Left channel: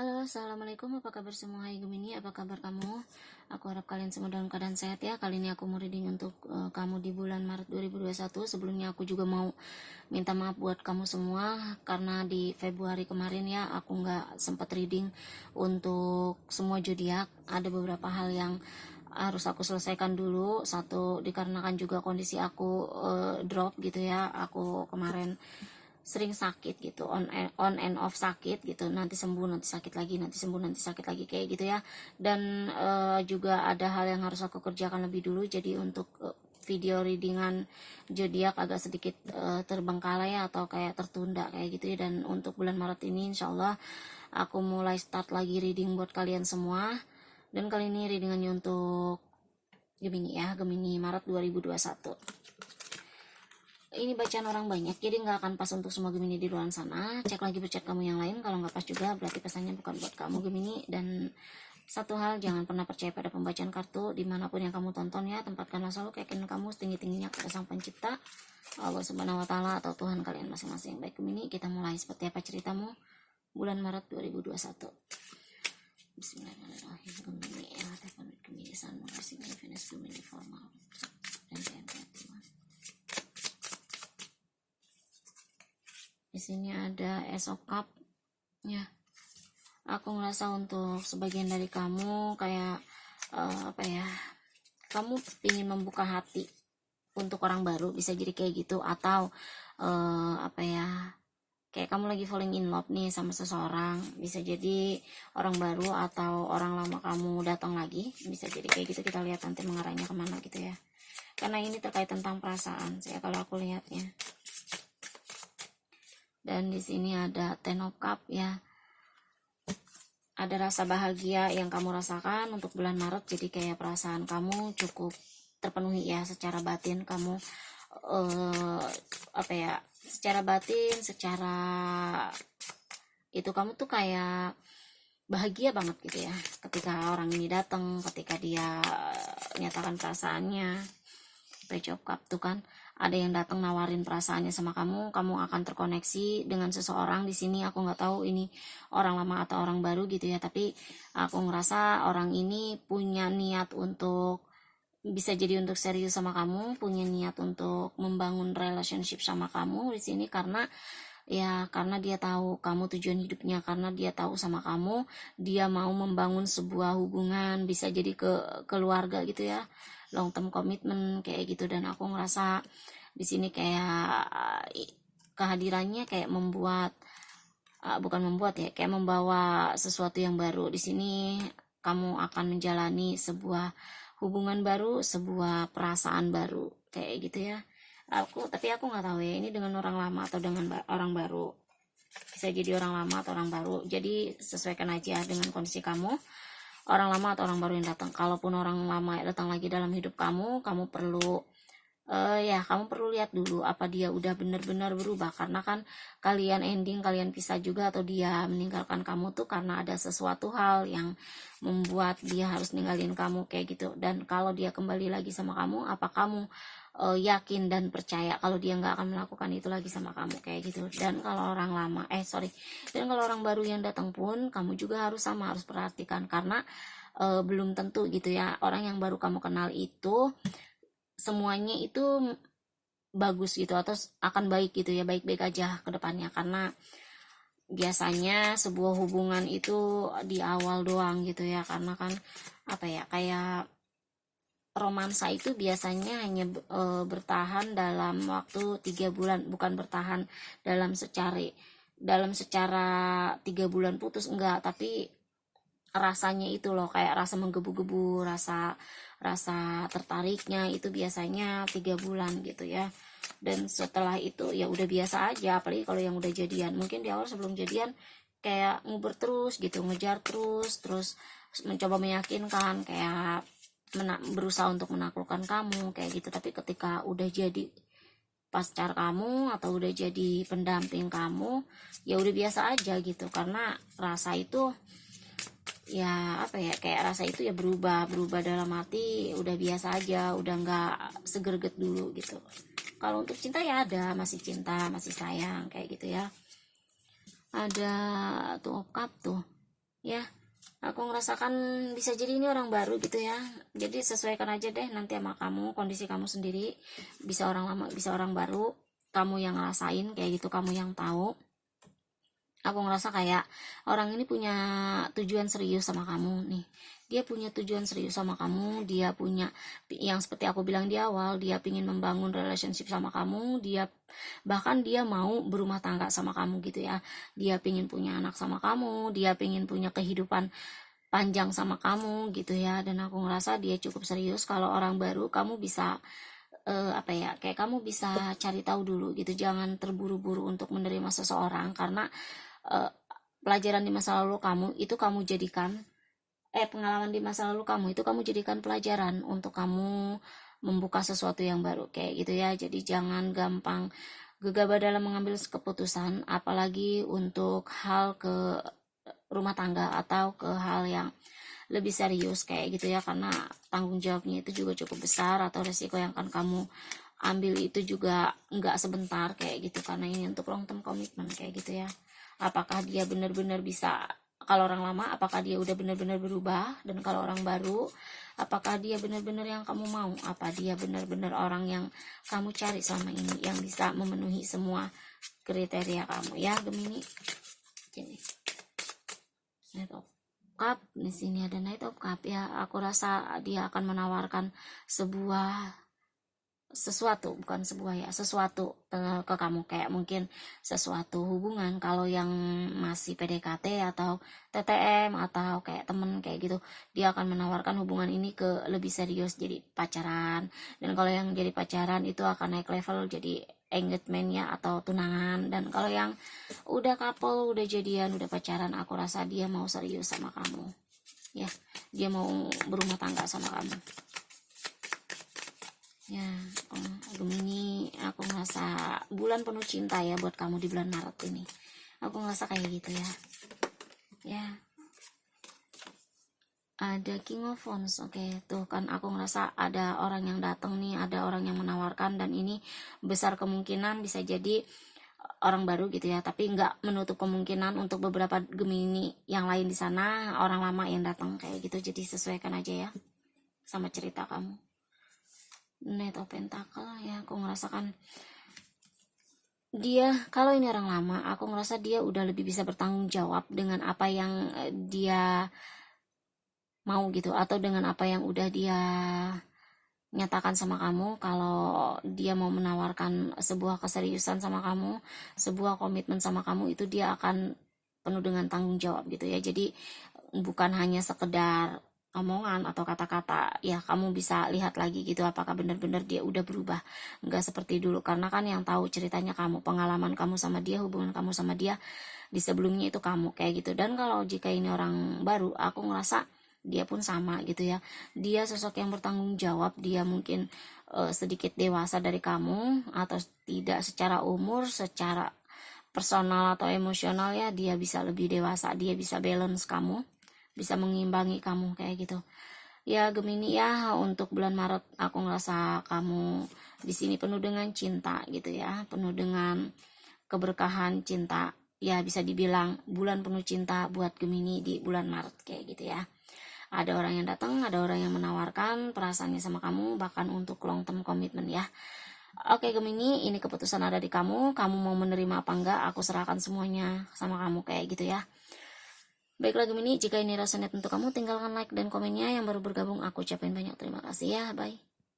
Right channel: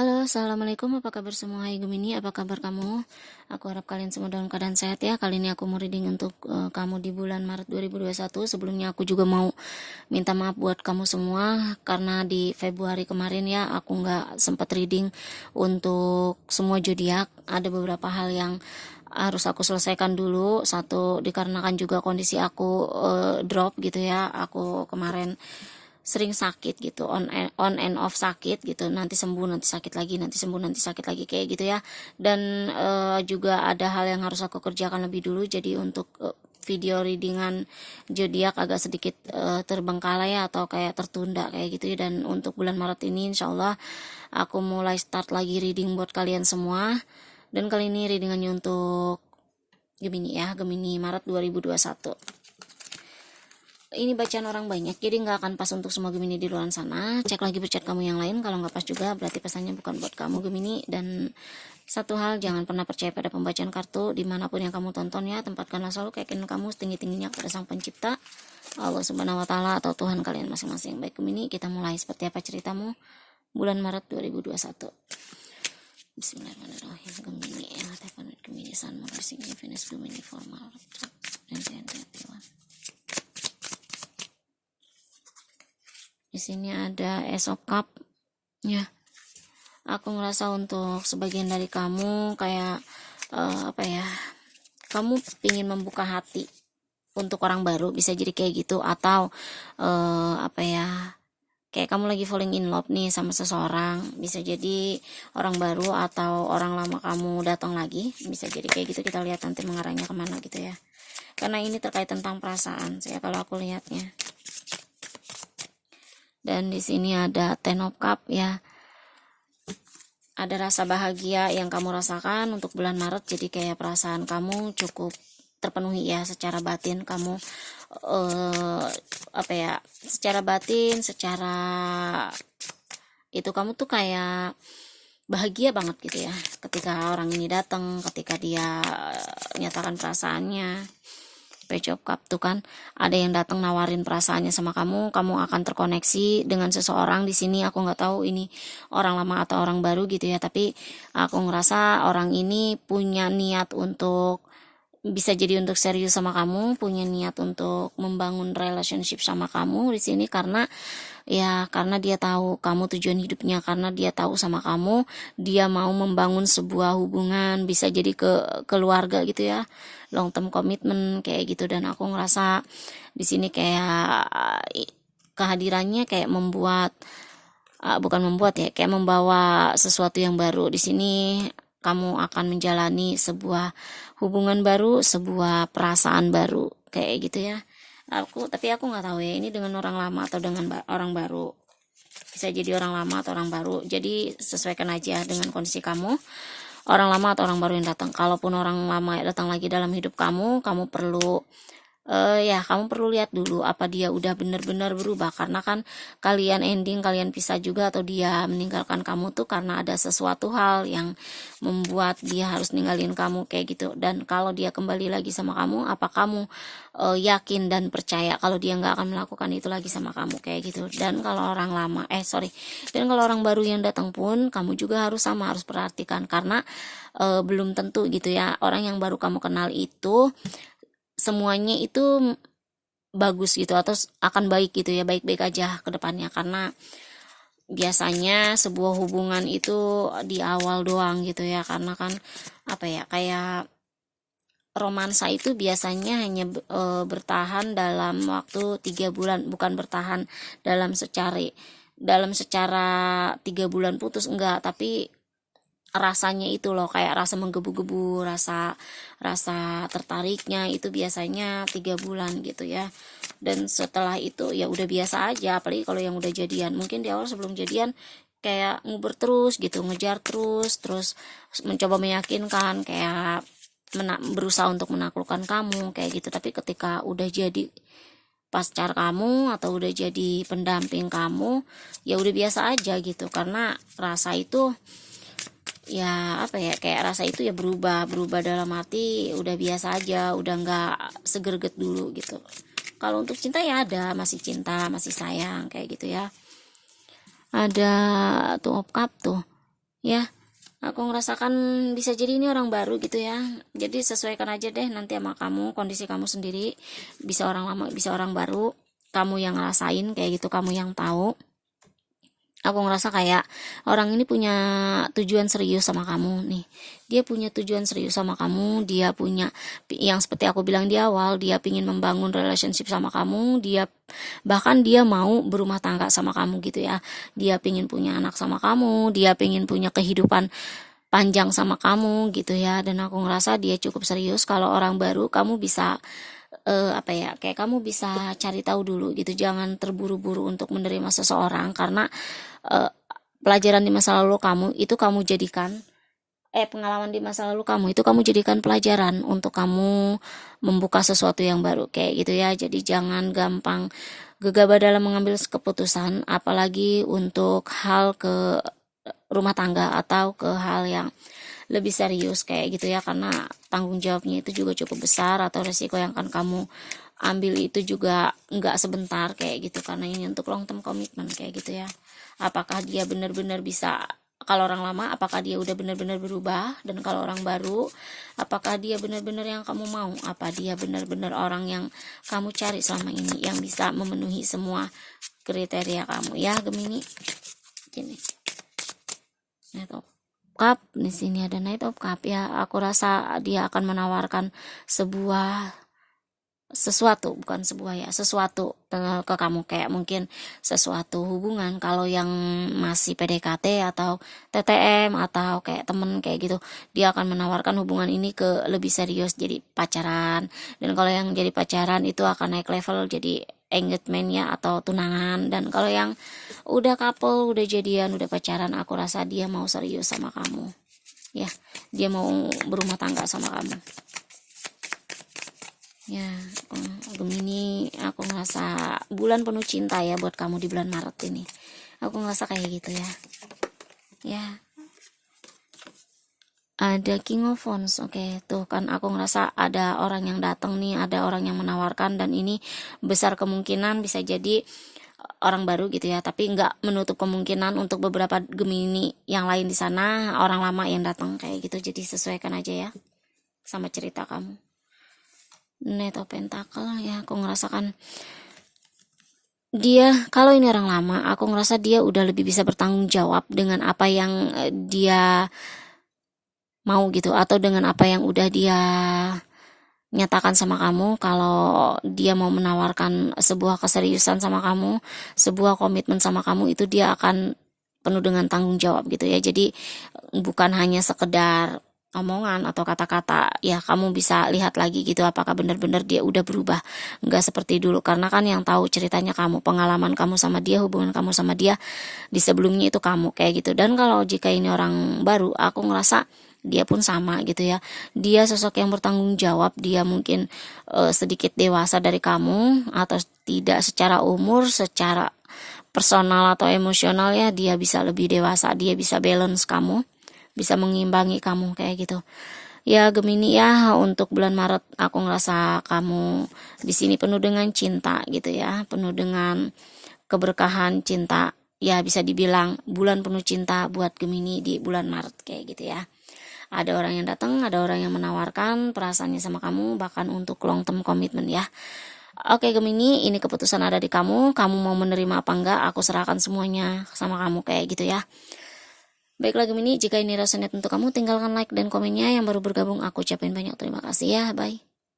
Halo, assalamualaikum. Apa kabar semua? Hai Gemini, apa kabar kamu? Aku harap kalian semua dalam keadaan sehat ya. Kali ini aku mau reading untuk kamu di bulan Maret 2021. Sebelumnya aku juga mau minta maaf buat kamu semua karena di Februari kemarin ya aku nggak sempat reading untuk semua zodiak. Ada beberapa hal yang harus aku selesaikan dulu. Satu dikarenakan juga kondisi aku drop gitu ya. Aku kemarin sering sakit gitu, on and off sakit gitu, nanti sembuh nanti sakit lagi, nanti sembuh nanti sakit lagi, kayak gitu ya. Dan juga ada hal yang harus aku kerjakan lebih dulu, jadi untuk video readingan zodiak agak sedikit terbengkalai ya, atau kayak tertunda kayak gitu ya. Dan untuk bulan Maret ini insyaallah aku mulai start lagi reading buat kalian semua. Dan kali ini readingannya untuk Gemini ya, Gemini Maret 2021. Ini bacaan orang banyak, jadi nggak akan pas untuk semua Gemini di luar sana. Cek lagi berchat kamu yang lain, kalau nggak pas juga berarti pesannya bukan buat kamu Gemini. Dan satu hal, jangan pernah percaya pada pembacaan kartu dimanapun yang kamu tonton ya. Tempatkanlah selalu keyakinan kamu setinggi-tingginya pada sang pencipta, Allah subhanahu wa ta'ala, atau Tuhan kalian masing-masing. Baik Gemini, kita mulai. Seperti apa ceritamu bulan Maret 2021? Bismillahirrahmanirrahim. Gemini, Gemini, Sun, Mars, Venus, Gemini, formal, di sini ada Ace of Cup ya. Aku ngerasa untuk sebagian dari kamu kayak apa ya, kamu ingin membuka hati untuk orang baru, bisa jadi kayak gitu. Atau apa ya, kayak kamu lagi falling in love nih sama seseorang, bisa jadi orang baru atau orang lama kamu datang lagi, bisa jadi kayak gitu. Kita lihat nanti mengarahnya kemana gitu ya, karena ini terkait tentang perasaan saya kalau aku lihatnya. Dan di sini ada Ten of Cup ya. Ada rasa bahagia yang kamu rasakan untuk bulan Maret, jadi kayak perasaan kamu cukup terpenuhi ya secara batin. Kamu apa ya, secara batin, secara itu kamu tuh kayak bahagia banget gitu ya ketika orang ini datang, ketika dia nyatakan perasaannya. Page of Cup tuh kan, ada yang datang nawarin perasaannya sama kamu, kamu akan terkoneksi dengan seseorang. Di sini aku nggak tahu ini orang lama atau orang baru gitu ya, tapi aku ngerasa orang ini punya niat untuk, bisa jadi untuk serius sama kamu, punya niat untuk membangun relationship sama kamu di sini. Karena ya, karena dia tahu kamu tujuan hidupnya, karena dia tahu sama kamu dia mau membangun sebuah hubungan, bisa jadi ke keluarga gitu ya, long term commitment kayak gitu. Dan aku ngerasa di sini kayak kehadirannya kayak membuat bukan membuat ya, kayak membawa sesuatu yang baru. Di sini kamu akan menjalani sebuah hubungan baru, sebuah perasaan baru kayak gitu ya. Tapi aku nggak tahu ya ini dengan orang lama atau dengan orang baru. Bisa jadi orang lama atau orang baru, jadi sesuaikan aja dengan kondisi kamu, orang lama atau orang baru yang datang. Kalaupun orang lama datang lagi dalam hidup kamu, kamu perlu ya kamu perlu lihat dulu apa dia udah benar-benar berubah. Karena kan kalian ending, kalian pisah juga, atau dia meninggalkan kamu tuh karena ada sesuatu hal yang membuat dia harus ninggalin kamu kayak gitu. Dan kalau dia kembali lagi sama kamu, apa kamu yakin dan percaya kalau dia nggak akan melakukan itu lagi sama kamu kayak gitu. Dan kalau orang lama dan kalau orang baru yang datang pun kamu juga harus sama, harus perhatikan. Karena belum tentu gitu ya orang yang baru kamu kenal itu semuanya itu bagus gitu atau akan baik gitu ya, baik-baik aja ke depannya. Karena biasanya sebuah hubungan itu di awal doang gitu ya, karena kan apa ya, kayak romansa itu biasanya hanya bertahan dalam waktu 3 bulan, bukan bertahan dalam secara 3 bulan putus, enggak, tapi rasanya itu loh, kayak rasa menggebu-gebu, rasa tertariknya itu biasanya 3 bulan gitu ya. Dan setelah itu ya udah biasa aja, apalagi kalau yang udah jadian. Mungkin di awal sebelum jadian kayak nguber terus gitu, ngejar terus mencoba meyakinkan, kayak berusaha untuk menaklukkan kamu kayak gitu. Tapi ketika udah jadi pacar kamu atau udah jadi pendamping kamu, ya udah biasa aja gitu. Karena rasa itu ya apa ya, kayak rasa itu ya berubah dalam hati, udah biasa aja, udah nggak segerget dulu gitu. Kalau untuk cinta ya ada, masih cinta, masih sayang kayak gitu ya. Ada tuh of cup tuh, ya. Aku ngerasakan bisa jadi ini orang baru gitu ya. Jadi sesuaikan aja deh nanti sama kamu, kondisi kamu sendiri. Bisa orang lama, bisa orang baru. Kamu yang ngerasain kayak gitu, kamu yang tahu. Aku ngerasa kayak orang ini punya tujuan serius sama kamu nih. Dia punya tujuan serius sama kamu. Dia punya, yang seperti aku bilang di awal, dia pingin membangun relationship sama kamu. Dia bahkan dia mau berumah tangga sama kamu gitu ya. Dia pingin punya anak sama kamu. Dia pingin punya kehidupan panjang sama kamu gitu ya. Dan aku ngerasa dia cukup serius. Kalau orang baru kamu bisa apa ya, kayak kamu bisa cari tahu dulu gitu, jangan terburu-buru untuk menerima seseorang, karena pelajaran di masa lalu kamu itu kamu jadikan pengalaman di masa lalu kamu itu kamu jadikan pelajaran untuk kamu membuka sesuatu yang baru kayak gitu ya. Jadi jangan gampang gegabah dalam mengambil keputusan, apalagi untuk hal ke rumah tangga atau ke hal yang lebih serius kayak gitu ya, karena tanggung jawabnya itu juga cukup besar, atau resiko yang akan kamu ambil itu juga nggak sebentar kayak gitu, karena ini untuk long term komitmen kayak gitu ya. Apakah dia benar-benar bisa, kalau orang lama apakah dia udah benar-benar berubah, dan kalau orang baru apakah dia benar-benar yang kamu mau, apa dia benar-benar orang yang kamu cari selama ini, yang bisa memenuhi semua kriteria kamu ya Gemini. Ini Knight of Cup, di sini ada Knight of Cup ya. Aku rasa dia akan menawarkan sesuatu, bukan sebuah ya, sesuatu ke kamu, kayak mungkin sesuatu hubungan kalau yang masih PDKT atau TTM atau kayak temen kayak gitu, dia akan menawarkan hubungan ini ke lebih serius jadi pacaran. Dan kalau yang jadi pacaran itu akan naik level jadi engagement ya, atau tunangan. Dan kalau yang udah couple, udah jadian, udah pacaran, aku rasa dia mau serius sama kamu ya, dia mau berumah tangga sama kamu ya. Gemini, aku ngerasa bulan penuh cinta ya buat kamu di bulan Maret ini. Aku ngerasa kayak gitu ya. Ya, ada King of Wands. Oke, tuh kan aku ngerasa ada orang yang datang nih, ada orang yang menawarkan, dan ini besar kemungkinan bisa jadi orang baru gitu ya, tapi nggak menutup kemungkinan untuk beberapa Gemini yang lain di sana orang lama yang datang kayak gitu. Jadi sesuaikan aja ya sama cerita kamu. Knight of Pentacle ya, aku ngerasakan dia, kalau ini orang lama, aku ngerasa dia udah lebih bisa bertanggung jawab dengan apa yang dia mau gitu, atau dengan apa yang udah dia nyatakan sama kamu. Kalau dia mau menawarkan sebuah keseriusan sama kamu, sebuah komitmen sama kamu, itu dia akan penuh dengan tanggung jawab gitu ya. Jadi bukan hanya sekedar omongan atau kata-kata ya, kamu bisa lihat lagi gitu apakah benar-benar dia udah berubah, nggak seperti dulu, karena kan yang tahu ceritanya kamu, pengalaman kamu sama dia, hubungan kamu sama dia di sebelumnya itu kamu kayak gitu. Dan kalau jika ini orang baru, aku ngerasa dia pun sama gitu ya, dia sosok yang bertanggung jawab. Dia mungkin sedikit dewasa dari kamu, atau tidak secara umur, secara personal atau emosional ya, dia bisa lebih dewasa, dia bisa balance kamu, bisa mengimbangi kamu kayak gitu ya Gemini ya. Untuk bulan Maret aku ngerasa kamu di sini penuh dengan cinta gitu ya, penuh dengan keberkahan cinta ya, bisa dibilang bulan penuh cinta buat Gemini di bulan Maret kayak gitu ya. Ada orang yang datang, ada orang yang menawarkan perasaannya sama kamu, bahkan untuk long term commitment ya. Oke Gemini, ini keputusan ada di kamu. Kamu mau menerima apa enggak, aku serahkan semuanya sama kamu kayak gitu ya. Baiklah Gemini, jika ini resonate untuk kamu, tinggalkan like dan komennya. Yang baru bergabung, aku ucapin banyak terima kasih ya. Bye.